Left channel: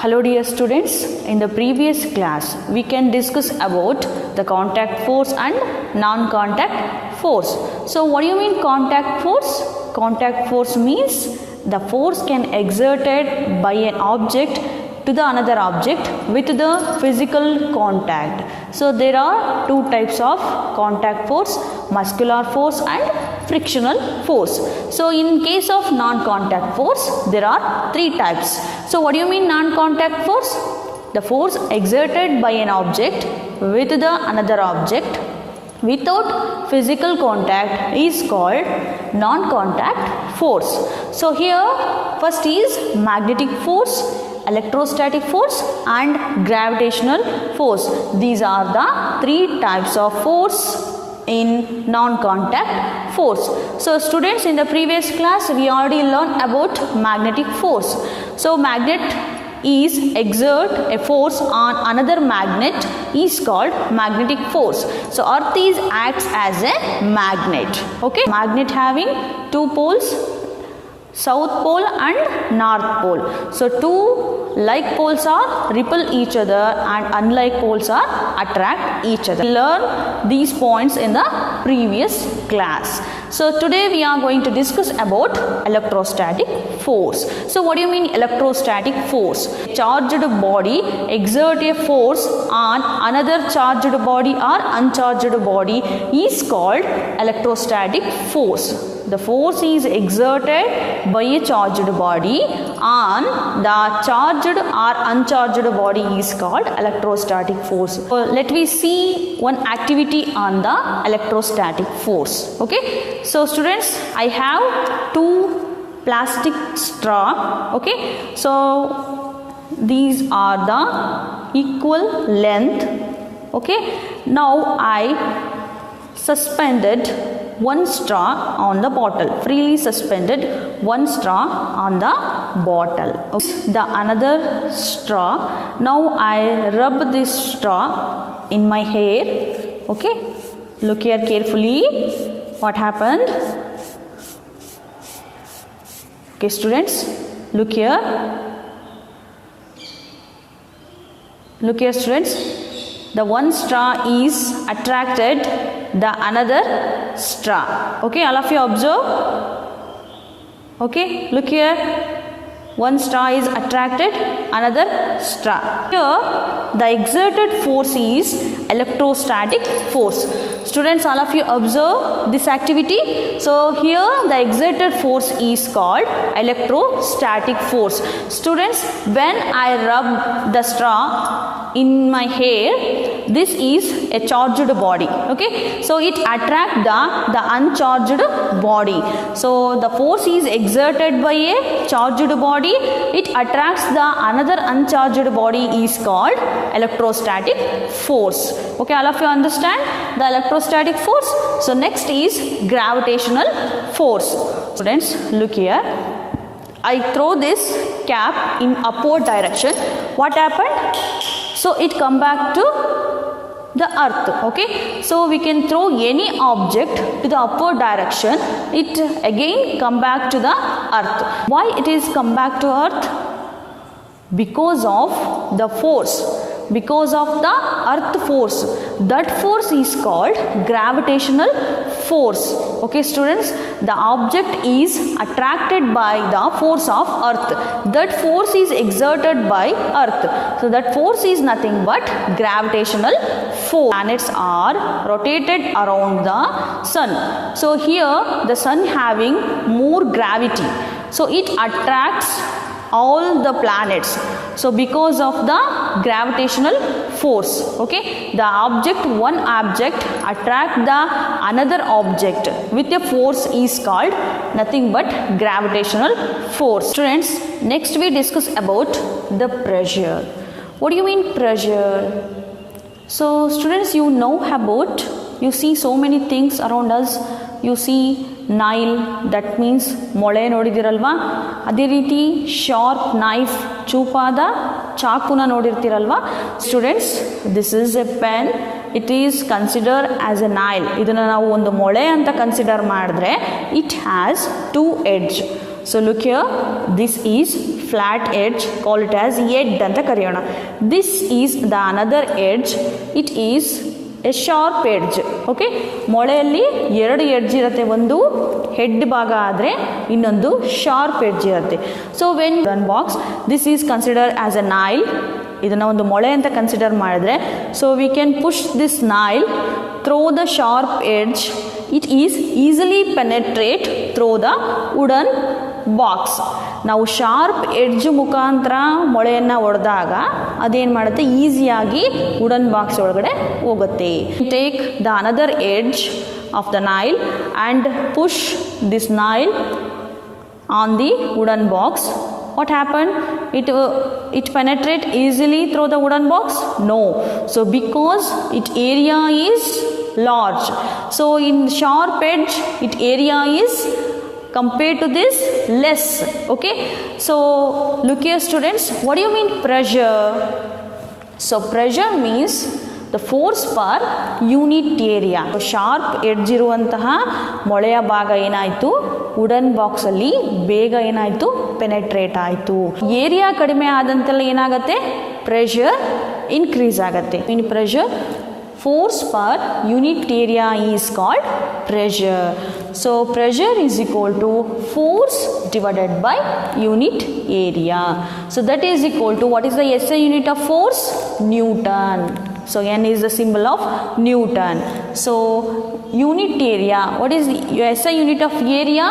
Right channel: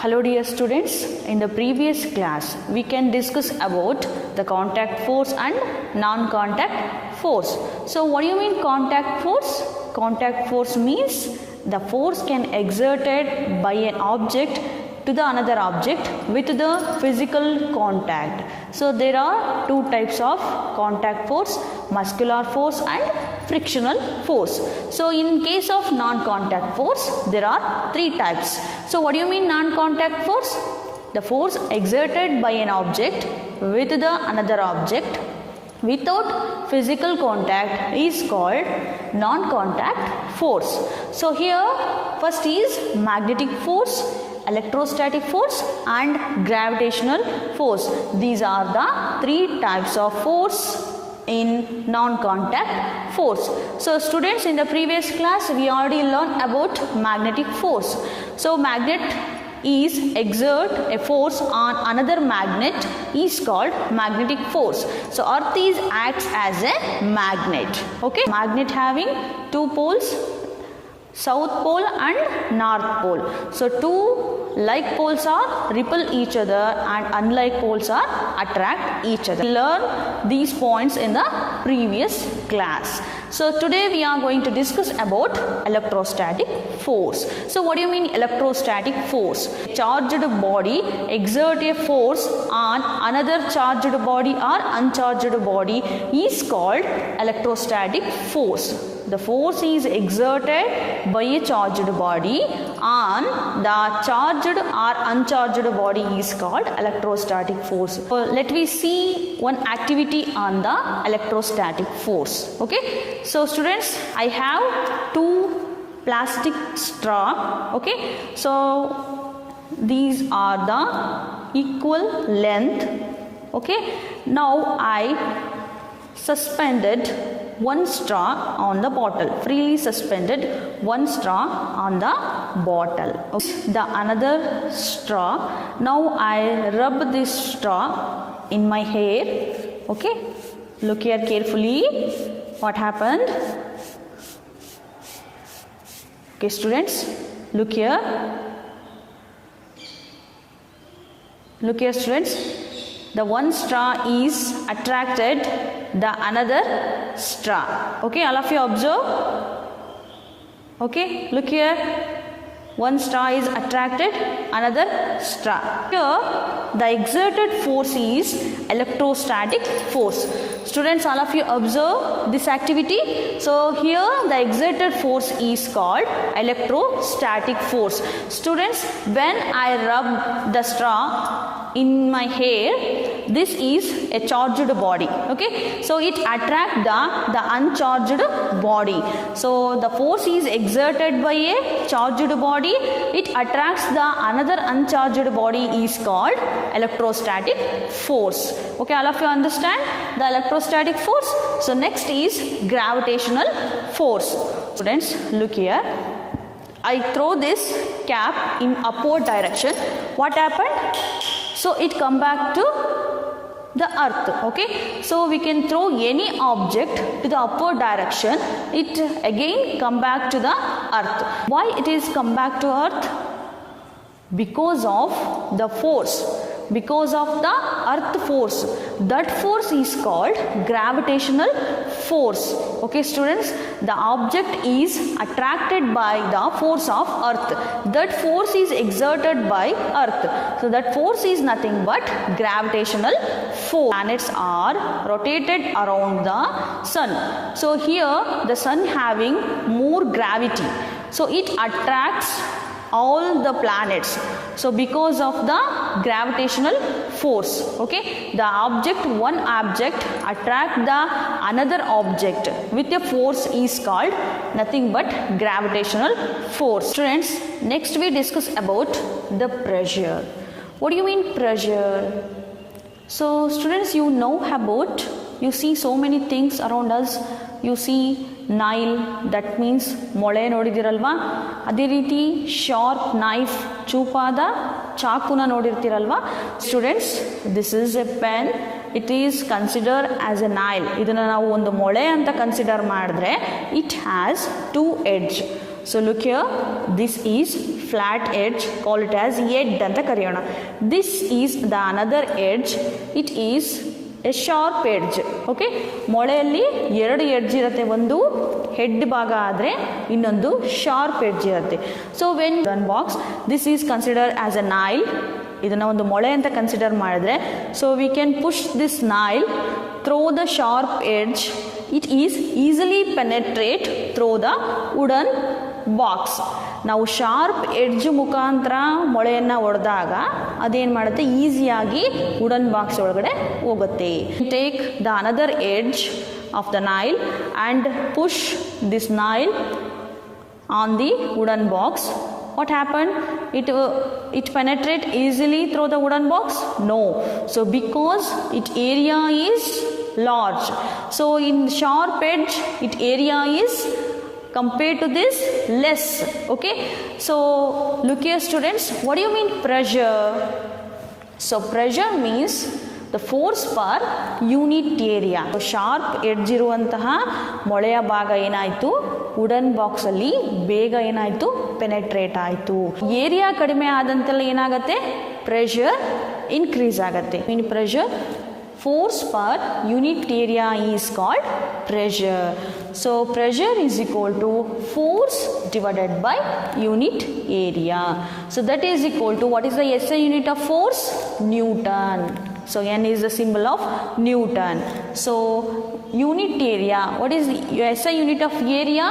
Hello dear students, in the previous class we can discuss about the contact force and non-contact force. So what do you mean contact force? Contact force means the force can exerted by an object to the another object with the physical contact. So there are two types of contact force, muscular force and frictional force. So in case of non-contact force, there are three types. So what do you mean non-contact force? The force exerted by an object with the another object without physical contact is called non-contact force. So here first is magnetic force, electrostatic force and gravitational force. These are the three types of force in non-contact force. So students, in the previous class we already learned about magnetic force. So magnet is exert a force on another magnet is called magnetic force. So earth is acts as a magnet. Okay, magnet having two poles, south pole and north pole. So two like poles are repel each other and unlike poles are attract each other. We learn these points in the previous class. So today we are going to discuss about electrostatic force. So what do you mean electrostatic force? Charged body exert a force on another charged body or uncharged body is called electrostatic force. The force is exerted by a charged body on the charged or uncharged body is called electrostatic force. So let me see one activity on the electrostatic force. Okay. So students, I have two plastic straw. Okay. So these are the equal length. Okay. Now I suspended one straw on the bottle, freely suspended one straw on the bottle. Okay. The another straw, now I rub this straw in my hair. Okay, look here carefully what happened. Okay students, look here students, the one straw is attracted the another straw. Okay, all of you observe. Okay, look here, one straw is attracted another straw. Here the exerted force is electrostatic force. Students, all of you observe this activity. So here the exerted force is called electrostatic force. Students, when I rub the straw in my hair, this is a charged body. Okay, so it attracts the uncharged body. So the force is exerted by a charged body, it attracts the another uncharged body is called electrostatic force. Okay, all of you understand the electrostatic force. So next is gravitational force. Students, look here, I throw this cap in upward direction. What happened? So it come back to the earth. Okay, so we can throw any object to the upward direction, it again come back to the earth. Why it is come back to earth? Because of the force, because of the earth force. That force is called gravitational force. Okay students, the object is attracted by the force of earth. That force is exerted by earth. So that force is nothing but gravitational force. Planets are rotated around the sun. So here the sun having more gravity, so it attracts all the planets. So because of the gravitational force, okay, the object, one object attract the another object with a force is called nothing but gravitational force. Students, next we discuss about the pressure. What do you mean pressure? So students, you know about, you see so many things around us. You see Nile, that means ಮೊಳೆ ನೋಡಿದಿರಲ್ವಾ, ಅದೇ ರೀತಿ sharp knife, ಚೂಪಾದ ಚಾಕುನ ನೋಡಿರ್ತೀರಲ್ವಾ. Students, this is a pen, it is consider as a nail. ಇದನ್ನು ನಾವು ಒಂದು ಮೊಳೆ ಅಂತ ಕನ್ಸಿಡರ್ ಮಾಡಿದ್ರೆ it has two edge. So look here, this is flat edge, call it as edge ಅಂತ ಕರೆಯೋಣ. This is the another edge, it is a sharp edge. Okay, ಮೊಳೆಯಲ್ಲಿ ಎರಡು ಎಡ್ಜ್ ಇರುತ್ತೆ, ಒಂದು ಹೆಡ್ ಭಾಗ ಆದರೆ ಇನ್ನೊಂದು ಶಾರ್ಪ್ ಎಡ್ಜ್ ಇರುತ್ತೆ. So when wooden box, this is consider as a nail. ಇದನ್ನು ಒಂದು ಮೊಳೆ ಅಂತ ಕನ್ಸಿಡರ್ ಮಾಡಿದ್ರೆ, so we can push this Nile through the sharp edge. It is easily penetrate through the wooden box. ನಾವು sharp edge ಮುಖಾಂತರ ಮೊಳೆಯನ್ನು ಹೊಡೆದಾಗ ಅದೇನು ಮಾಡುತ್ತೆ, ಈಸಿಯಾಗಿ ವುಡನ್ ಬಾಕ್ಸ್ ಒಳಗಡೆ ಹೋಗುತ್ತೆ. Take the another edge of the Nile and push this Nile on the wooden box. What happened? It penetrate easily through the wooden box? No. So because its area is large. So in sharp edge, its area is compared to this less. Okay. So look here students, what do you mean pressure? So pressure means the force per unit area. So sharp edge ಇರುವಂತಹ ಮೊಳೆಯ ಭಾಗ ಏನಾಯಿತು, wooden ಬಾಕ್ಸಲ್ಲಿ ಬೇಗ ಏನಾಯಿತು, penetrate ಆಯಿತು. Area ಕಡಿಮೆ ಆದಂತೆಲ್ಲ ಏನಾಗುತ್ತೆ, pressure increase ಆಗುತ್ತೆ. ಇನ್ pressure, force per unit area is called pressure. So pressure is equal to force divided by unit area. So that is equal to, what is the SI unit of force? Newton. So N is the symbol of Newton. So unit area, what is the SI unit of area?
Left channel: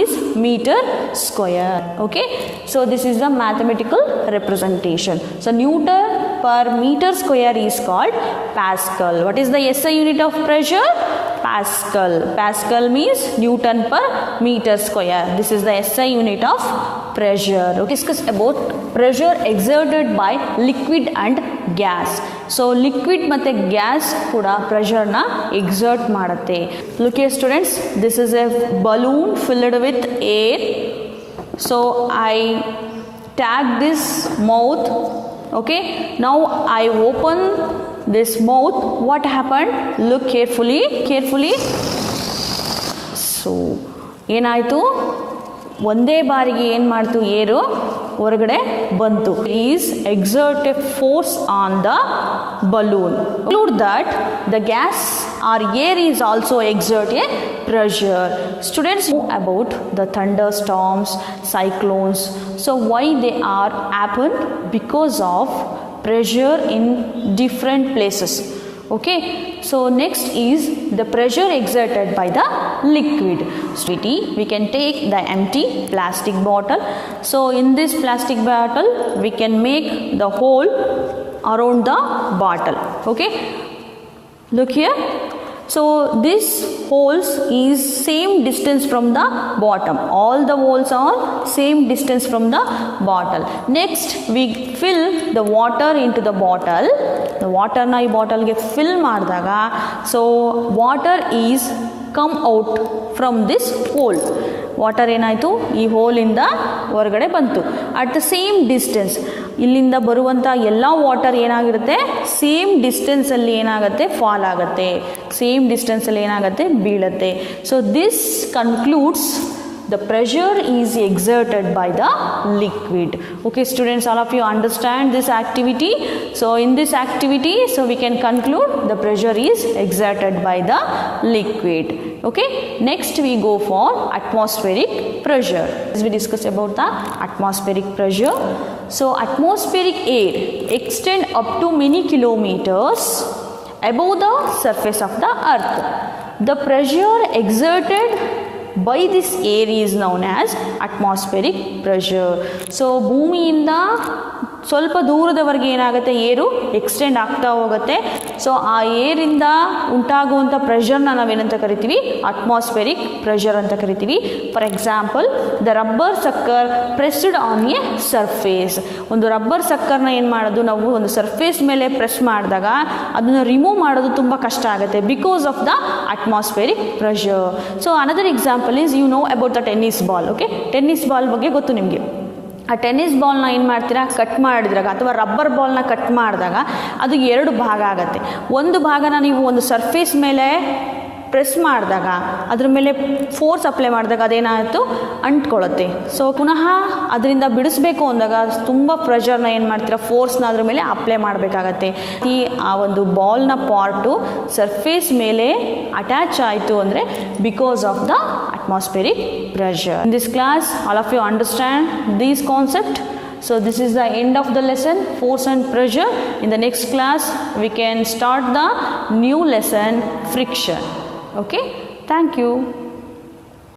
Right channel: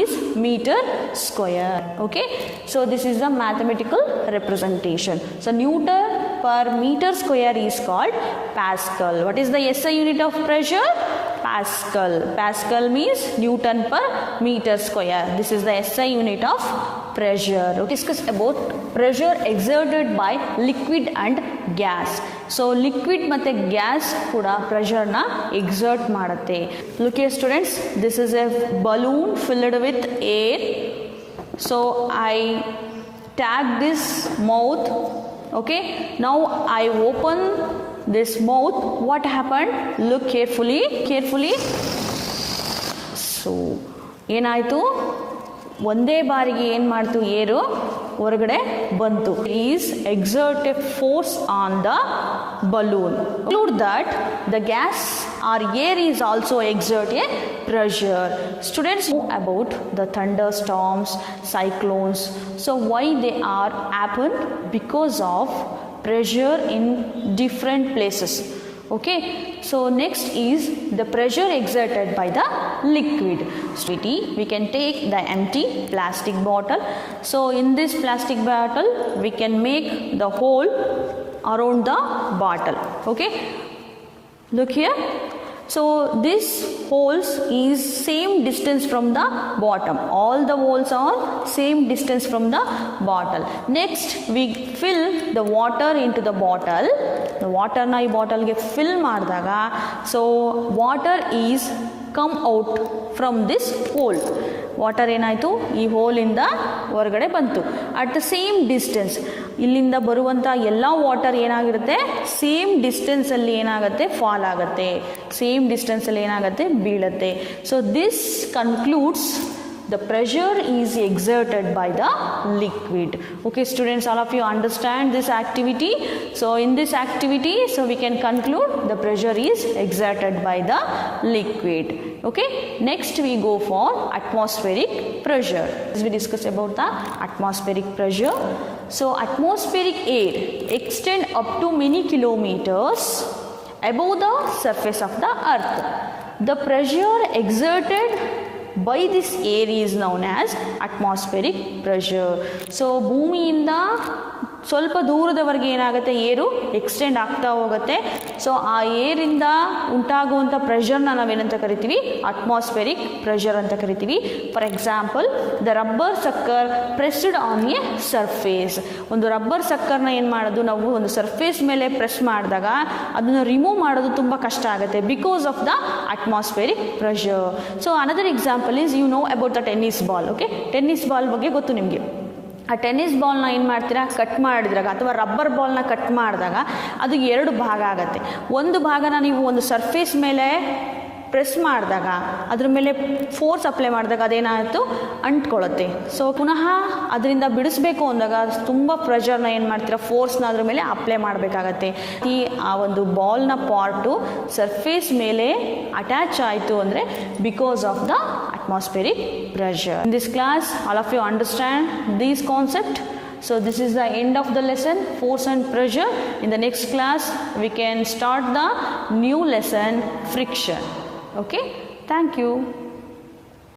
Is meter square. Okay, so this is the mathematical representation. So Newton per meter square is called Pascal. What is the SI unit of pressure? Pascal. Pascal means Newton per meter square. This is the SI unit of pressure. Okay, discuss about pressure exerted by liquid and gas. So liquid ಮತ್ತೆ gas ಕೂಡ pressure ನ exert ಮಾಡುತ್ತೆ. Look here students, this is a balloon filled with air. So I tag this mouth. Okay, now I open this mouth. What happened? Look carefully. So ಏನಾಯಿತು, ಒಂದೇ ಬಾರಿಗೆ ಏನು ಮಾಡ್ತು, ಏರು ಹೊರಗಡೆ ಬಂತು. Is exert A force on the balloon. Include that the gas or air is also exert a pressure. Students know about the thunderstorms, cyclones. So why they are happen? Because of pressure in different places. Okay, so next is the pressure exerted by the liquid. We can take the empty plastic bottle. So in this plastic bottle we can make the hole around the bottle. Okay, look here. So this holes is same distance from the bottom. All the holes are same distance from the bottle. Next we fill the water into the bottle. The water na ee bottle ge fill ಮಾಡಿದಾಗ, so water is come out from this hole. Water ಏನಾಯಿತು, ಈ ಹೋಲಿಂದ ಹೊರಗಡೆ ಬಂತು. At the same distance, ಇಲ್ಲಿಂದ ಬರುವಂಥ ಎಲ್ಲ water ಏನಾಗಿರುತ್ತೆ, same ಡಿಸ್ಟೆನ್ಸಲ್ಲಿ ಏನಾಗುತ್ತೆ, ಫಾಲ್ ಆಗುತ್ತೆ, ಸೇಮ್ ಡಿಸ್ಟೆನ್ಸಲ್ಲಿ ಏನಾಗುತ್ತೆ, ಬೀಳುತ್ತೆ. So this concludes the pressure is exerted by the liquid. Okay students, all of you understand this activity. So in this activity, so we can conclude the pressure is exerted by the liquid. Okay, next we go for atmospheric pressure. As we discuss about the atmospheric pressure, so atmospheric air extend up to many kilometers above the surface of the earth. The pressure exerted by this air is known as atmospheric pressure. So ಭೂಮಿಯಿಂದ ಸ್ವಲ್ಪ ದೂರದವರೆಗೆ ಏನಾಗುತ್ತೆ, ಏರು extend ಆಗ್ತಾ ಹೋಗುತ್ತೆ. So ಆ ಏರಿಂದ ಉಂಟಾಗುವಂಥ ಪ್ರೆಷರ್ನ ನಾವೇನಂತ ಕರಿತೀವಿ, ಅಟ್ಮಾಸ್ಫೆರಿಕ್ ಪ್ರೆಷರ್ ಅಂತ ಕರಿತೀವಿ. For example, the rubber ಸಕ್ಕರ್ pressed on A surface. ಒಂದು ರಬ್ಬರ್ ಸಕ್ಕರ್ನ ಏನು ಮಾಡೋದು, ನಾವು ಒಂದು ಸರ್ಫೇಸ್ ಮೇಲೆ ಪ್ರೆಸ್ ಮಾಡಿದಾಗ ಅದನ್ನು ರಿಮೂವ್ ಮಾಡೋದು ತುಂಬ ಕಷ್ಟ ಆಗುತ್ತೆ, because of the atmospheric pressure. So another example is, you know about the tennis ball. Okay, tennis ball ಬಗ್ಗೆ ಗೊತ್ತು ನಿಮಗೆ. ಆ ಟೆನ್ನಿಸ್ ಬಾಲ್ನ ಏನು ಮಾಡ್ತೀರಾ, ಕಟ್ ಮಾಡಿದಾಗ ಅಥವಾ ರಬ್ಬರ್ ಬಾಲ್ನ ಕಟ್ ಮಾಡಿದಾಗ ಅದು ಎರಡು ಭಾಗ ಆಗುತ್ತೆ. ಒಂದು ಭಾಗನ ನೀವು ಒಂದು ಸರ್ಫೇಸ್ ಮೇಲೆ ಪ್ರೆಸ್ ಮಾಡಿದಾಗ ಅದ್ರ ಮೇಲೆ ಫೋರ್ಸ್ ಅಪ್ಲೈ ಮಾಡಿದಾಗ ಅದೇನಾಯಿತು ಅಂಟ್ಕೊಳ್ಳುತ್ತೆ. ಸೊ ಪುನಃ ಅದರಿಂದ ಬಿಡಿಸ್ಬೇಕು ಅಂದಾಗ ತುಂಬ ಪ್ರೆಷರ್ನ ಏನು ಮಾಡ್ತೀರಾ, ಫೋರ್ಸ್ನ ಅದ್ರ ಮೇಲೆ ಅಪ್ಲೈ ಮಾಡಬೇಕಾಗತ್ತೆ. ಆ ಒಂದು ಬಾಲ್ನ ಪಾರ್ಟು ಸರ್ಫೇಸ್ ಮೇಲೆ ಅಟ್ಯಾಚ್ ಆಯಿತು ಅಂದರೆ because of the atmospheric pressure. In this class, all of you understand these concepts. So this is the end of the lesson, force and pressure. In the next class, we can start the new lesson, friction. Okay, thank you.